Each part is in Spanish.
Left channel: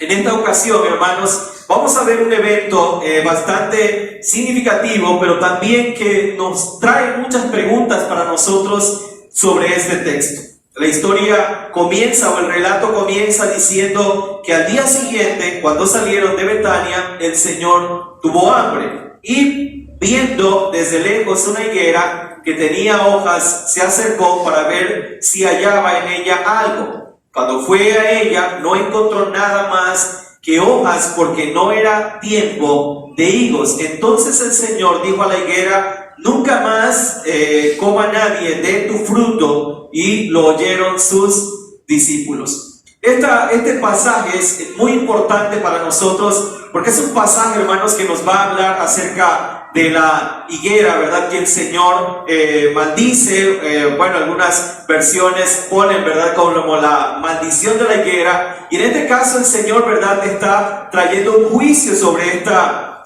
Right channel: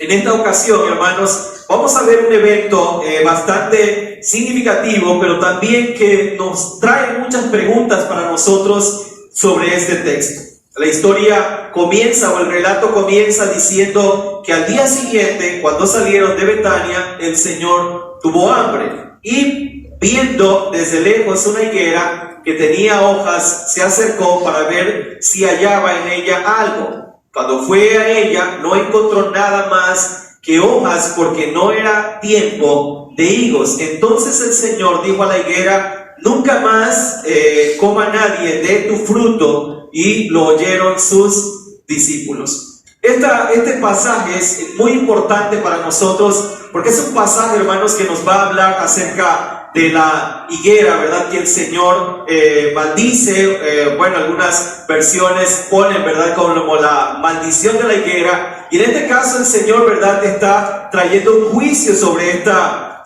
En esta ocasión, hermanos, vamos a ver un evento bastante significativo, pero también que nos trae muchas preguntas para nosotros sobre este texto. La historia comienza, o el relato comienza diciendo que al día siguiente, cuando salieron de Betania, el Señor tuvo hambre y, viendo desde lejos una higuera que tenía hojas, se acercó para ver si hallaba en ella algo. Cuando fue a ella, no encontró nada más que hojas, porque no era tiempo de higos. Entonces el Señor dijo a la higuera: nunca más coma nadie de tu fruto. Y lo oyeron sus discípulos. Este pasaje es muy importante para nosotros, porque es un pasaje, hermanos, que nos va a hablar acerca de la higuera, ¿verdad? Que el Señor maldice. Algunas versiones ponen, ¿verdad?, como la maldición de la higuera. Y en este caso el Señor, ¿verdad?, está trayendo un juicio sobre esta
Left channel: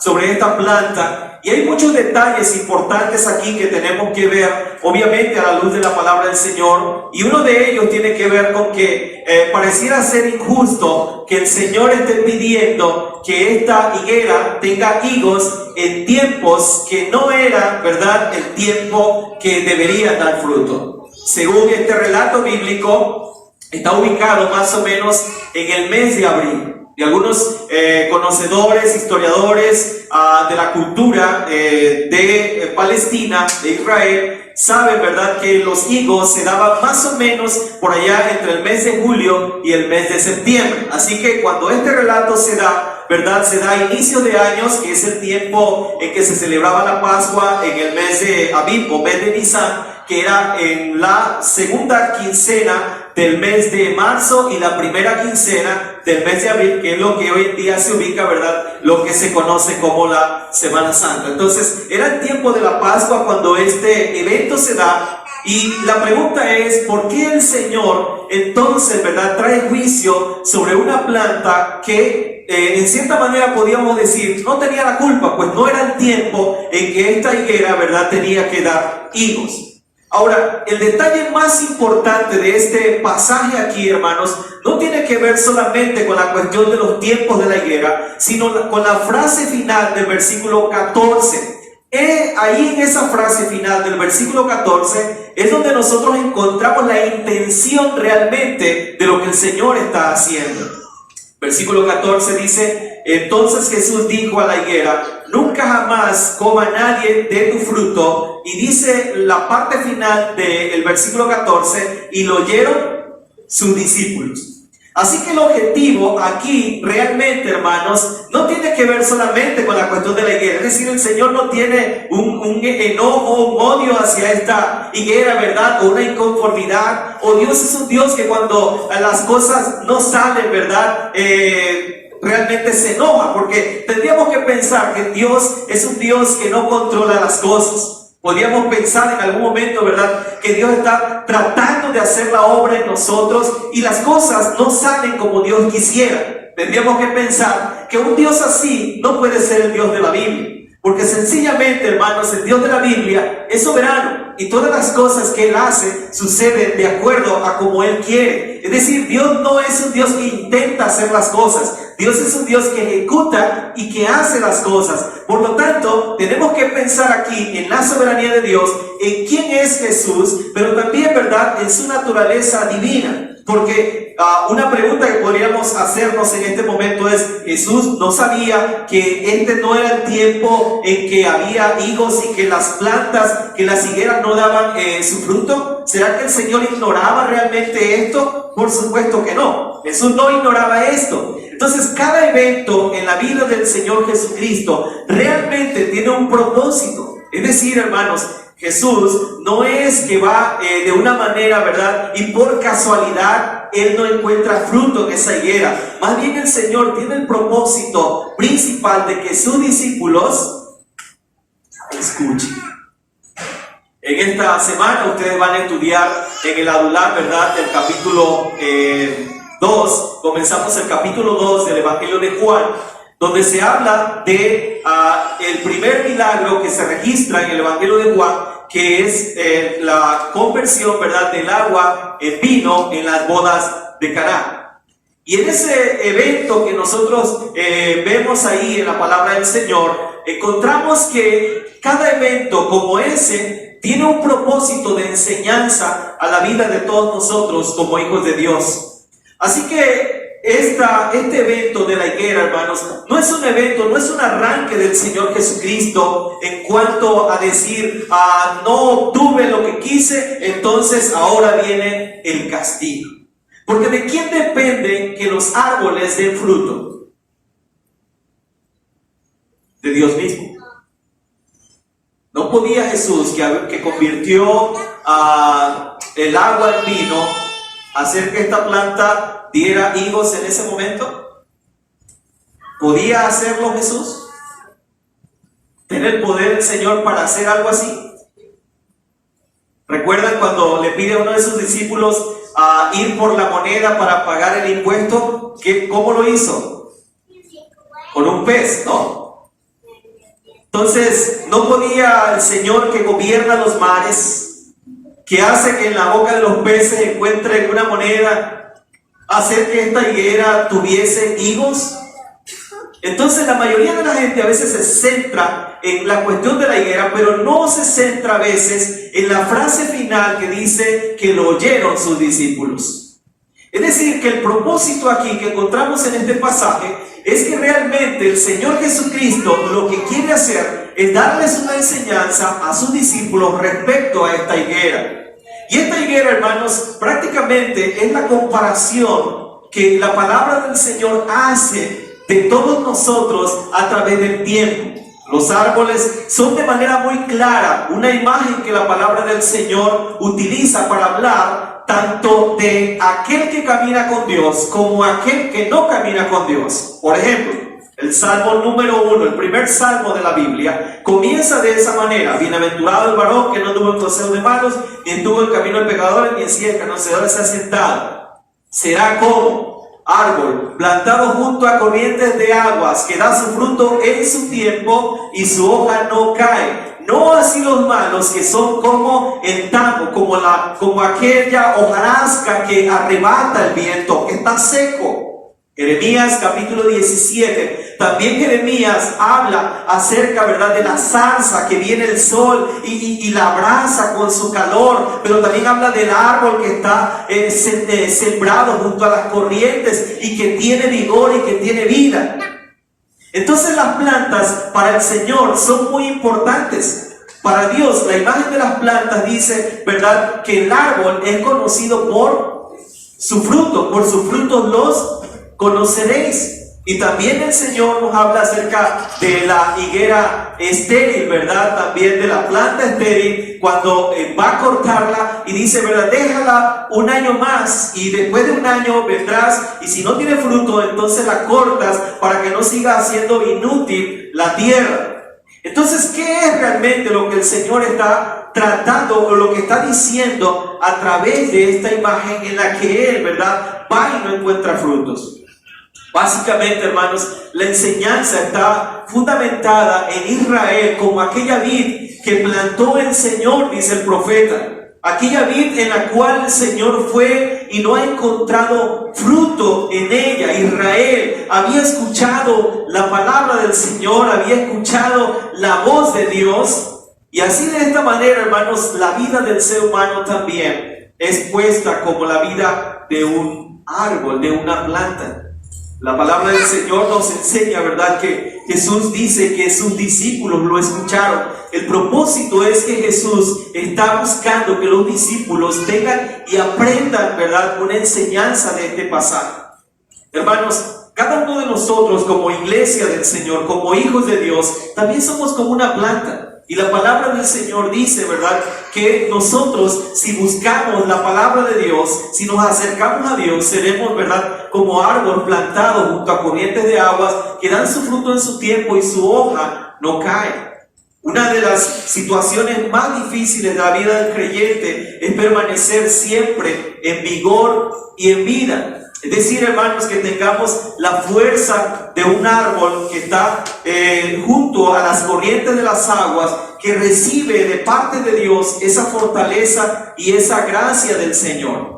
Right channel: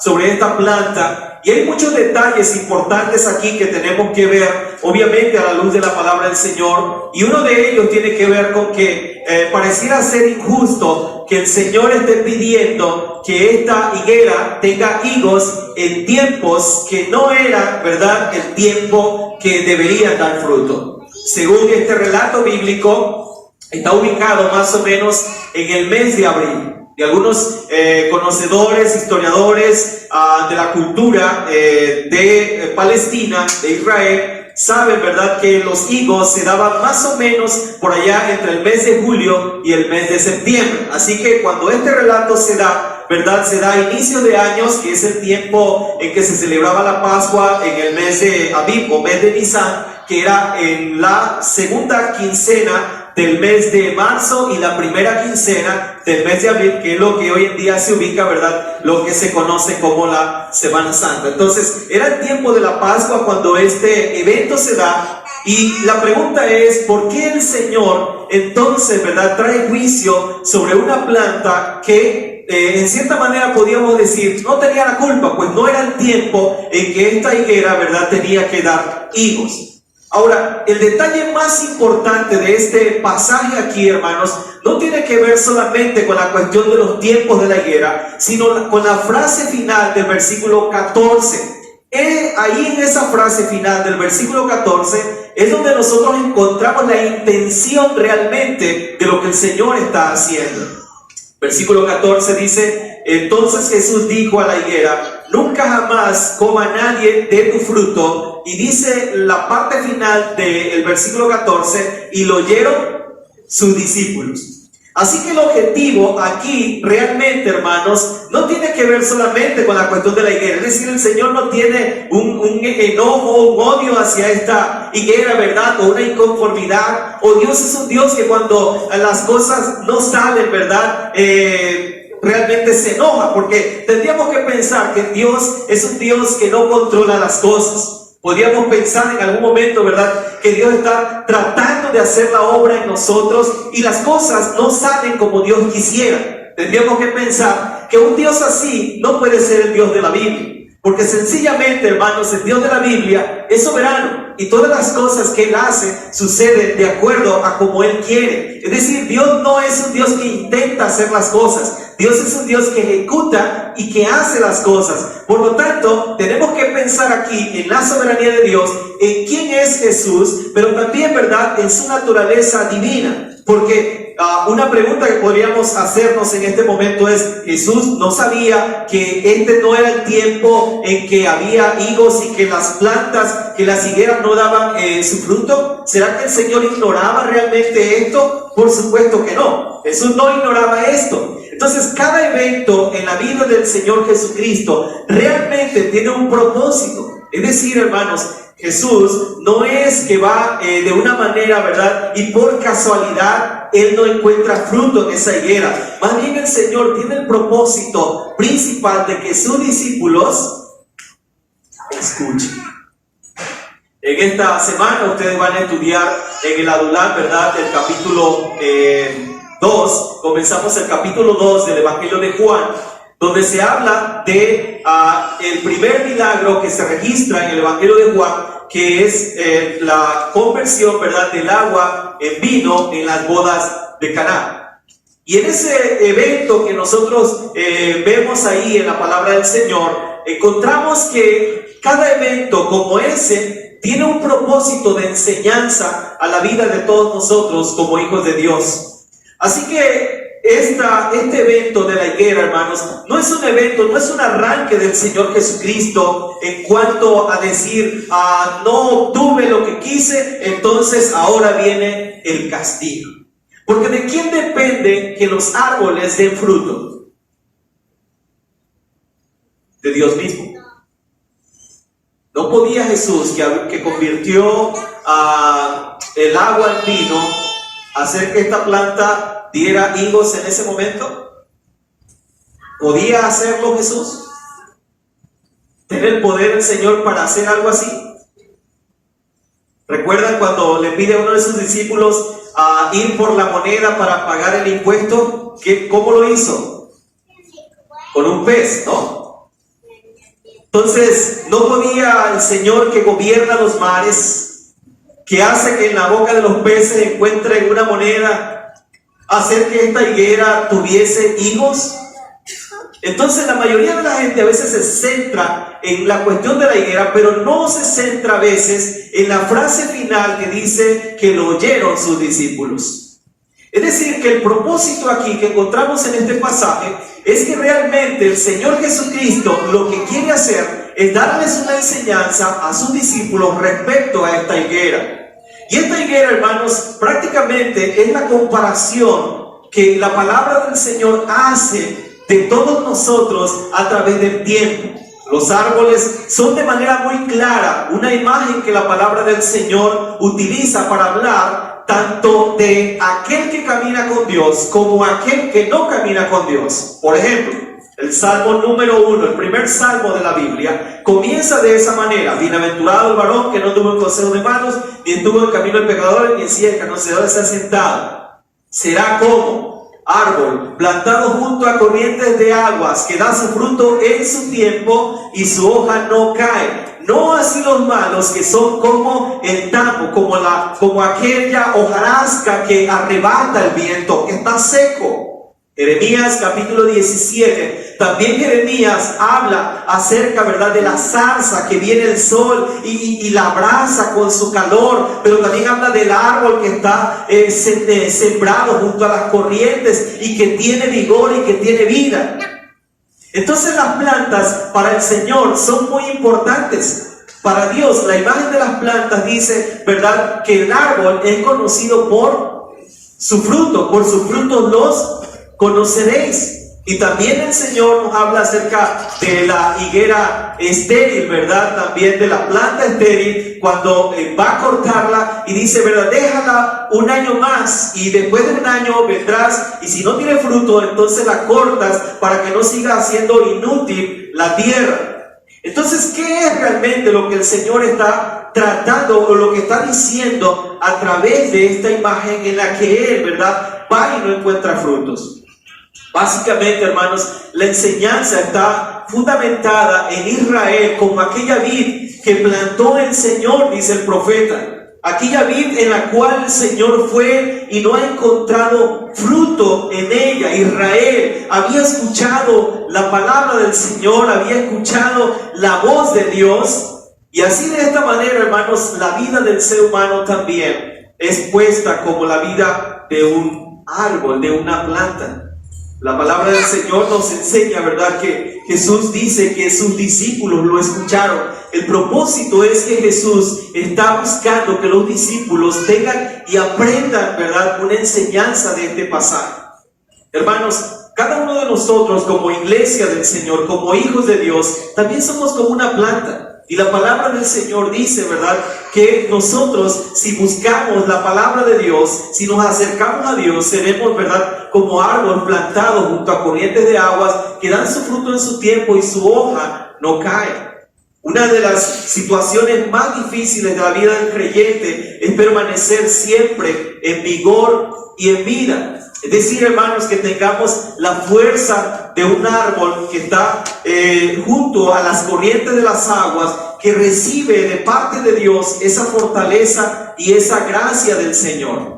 planta. Y hay muchos detalles importantes aquí que tenemos que ver, obviamente a la luz de la palabra del Señor. Y uno de ellos tiene que ver con que pareciera ser injusto que el Señor esté pidiendo que esta higuera tenga higos en tiempos que no era, ¿verdad?, el tiempo que debería dar fruto. Según este relato bíblico, está ubicado más o menos en el mes de abril. Y algunos conocedores, historiadores de la cultura de Palestina, de Israel, saben, ¿verdad?, que los higos se daban más o menos por allá entre el mes de julio y el mes de septiembre. Así que cuando este relato se da, ¿verdad?, se da a inicios de años, que es el tiempo en que se celebraba la Pascua, en el mes de Abib o mes de Nisan, que era en la segunda quincena del mes de marzo y la primera quincena del mes de abril, que es lo que hoy en día se ubica, ¿verdad?, lo que se conoce como la Semana Santa. Entonces, era el tiempo de la Pascua cuando este evento se da. Y la pregunta es: ¿por qué el Señor entonces, ¿verdad?, trae juicio sobre una planta que en cierta manera podríamos decir no tenía la culpa? Pues no era el tiempo en que esta higuera, ¿verdad?, tenía que dar higos. Ahora, el detalle más importante de este pasaje aquí, hermanos, no tiene que ver solamente con la cuestión de los tiempos de la higuera, sino con la frase final del versículo 14. Ahí en esa frase final del versículo 14 es donde nosotros encontramos la intención realmente de lo que el Señor está haciendo. Versículo 14 dice: entonces Jesús dijo a la higuera: nunca jamás coma nadie de tu fruto. Y dice la parte final del versículo 14: y lo oyeron sus discípulos. Así que el objetivo aquí realmente, hermanos, no tiene que ver solamente con la cuestión de la higuera. Es decir, el Señor no tiene un enojo, un odio hacia esta higuera, ¿verdad?, o una inconformidad. O Dios es un Dios que cuando las cosas no salen, ¿verdad?, realmente se enoja, porque tendríamos que pensar que Dios es un Dios que no controla las cosas. Podríamos pensar en algún momento, ¿verdad?, que Dios está tratando de hacer la obra en nosotros y las cosas no salen como Dios quisiera. Tendríamos que pensar que un Dios así no puede ser el Dios de la Biblia, porque sencillamente, hermanos, el Dios de la Biblia es soberano y todas las cosas que Él hace suceden de acuerdo a como Él quiere. Es decir, Dios no es un Dios que intenta hacer las cosas. Dios es un Dios que ejecuta y que hace las cosas. Por lo tanto, tenemos que pensar aquí en la soberanía de Dios, en quién es Jesús, pero también, ¿verdad?, en su naturaleza divina. Porque una pregunta que podríamos hacernos en este momento es: ¿Jesús no sabía que este no era el tiempo en que había higos y que las plantas, que las higueras no daban su fruto? ¿Será que el Señor ignoraba realmente esto? Por supuesto que no. Jesús no ignoraba esto. Entonces, cada evento en la vida del Señor Jesucristo realmente tiene un propósito. Es decir, hermanos, Jesús no es que va de una manera, ¿verdad?, y por casualidad Él no encuentra fruto en esa higuera. Más bien el Señor tiene el propósito principal de que sus discípulos escuchen. En esta semana ustedes van a estudiar en el Adulam, ¿verdad?, el capítulo 2. Comenzamos el capítulo 2 del Evangelio de Juan, donde se habla de el primer milagro que se registra en el Evangelio de Juan, que es la conversión, ¿verdad?, del agua en vino en las bodas de Caná. Y en ese evento que nosotros vemos ahí en la palabra del Señor, encontramos que cada evento como ese tiene un propósito de enseñanza a la vida de todos nosotros como hijos de Dios. Así que este evento de la higuera, hermanos, no es un evento, no es un arranque del Señor Jesucristo en cuanto a decir, no tuve lo que quise, entonces ahora viene el castigo. Porque ¿de quién depende que los árboles den fruto? De Dios mismo. No podía Jesús, que convirtió el agua en vino, hacer que esta planta diera higos en ese momento. ¿Podía hacerlo Jesús? ¿Tener el poder del Señor para hacer algo así? ¿Recuerdan cuando le pide a uno de sus discípulos a ir por la moneda para pagar el impuesto? ¿Cómo lo hizo? Con un pez, ¿no? Entonces, ¿no podía el Señor que gobierna los mares, que hace que en la boca de los peces encuentre una moneda, hacer que esta higuera tuviese higos? Entonces la mayoría de la gente a veces se centra en la cuestión de la higuera, pero no se centra a veces en la frase final que dice que lo oyeron sus discípulos. Es decir, que el propósito aquí que encontramos en este pasaje es que realmente el Señor Jesucristo lo que quiere hacer es darles una enseñanza a sus discípulos respecto a esta higuera. Y esta higuera, hermanos, prácticamente es la comparación que la palabra del Señor hace de todos nosotros a través del tiempo. Los árboles son de manera muy clara una imagen que la palabra del Señor utiliza para hablar tanto de aquel que camina con Dios como aquel que no camina con Dios. Por ejemplo, el Salmo número 1, el primer salmo de la Biblia, comienza de esa manera: bienaventurado el varón que no anduvo en consejo de malos, ni estuvo en camino de pecadores, ni en silla de escarnecedores se ha sentado. Será como árbol plantado junto a corrientes de aguas, que da su fruto en su tiempo y su hoja no cae. No así los malos, que son como el tamo, como aquella hojarasca que arrebata el viento, que está seco. Jeremías capítulo 17, también Jeremías habla acerca, ¿verdad?, de la zarza que viene el sol y la abraza con su calor, pero también habla del árbol que está sembrado junto a las corrientes y que tiene vigor y que tiene vida. Entonces las plantas para el Señor son muy importantes. Para Dios, la imagen de las plantas dice, ¿verdad?, que el árbol es conocido por su fruto los conoceréis. Y también el Señor nos habla acerca de la higuera estéril, ¿verdad? También de la planta estéril, cuando va a cortarla y dice, ¿verdad?, déjala un año más y después de un año vendrás y si no tiene fruto, entonces la cortas para que no siga haciendo inútil la tierra. Entonces, ¿qué es realmente lo que el Señor está tratando o lo que está diciendo a través de esta imagen en la que Él, ¿verdad?, va y no encuentra frutos? Básicamente, hermanos, la enseñanza está fundamentada en Israel como aquella vid que plantó el Señor, dice el profeta. Aquella vid en la cual el Señor fue y no ha encontrado fruto en ella. Israel había escuchado la palabra del Señor, había escuchado la voz de Dios. Y así de esta manera, hermanos, la vida del ser humano también es puesta como la vida de un árbol, de una planta. La palabra del Señor nos enseña, ¿verdad?, que Jesús dice que sus discípulos lo escucharon. El propósito es que Jesús está buscando que los discípulos tengan y aprendan, ¿verdad?, una enseñanza de este pasaje. Hermanos, cada uno de nosotros como iglesia del Señor, como hijos de Dios, también somos como una planta. Y la palabra del Señor dice, ¿verdad?, que nosotros, si buscamos la palabra de Dios, si nos acercamos a Dios, seremos, ¿verdad?, como árbol plantado junto a corrientes de aguas que dan su fruto en su tiempo y su hoja no cae. Una de las situaciones más difíciles de la vida del creyente es permanecer siempre en vigor y en vida. Es decir, hermanos, que tengamos la fuerza de un árbol que está junto a las corrientes de las aguas, que recibe de parte de Dios esa fortaleza y esa gracia del Señor.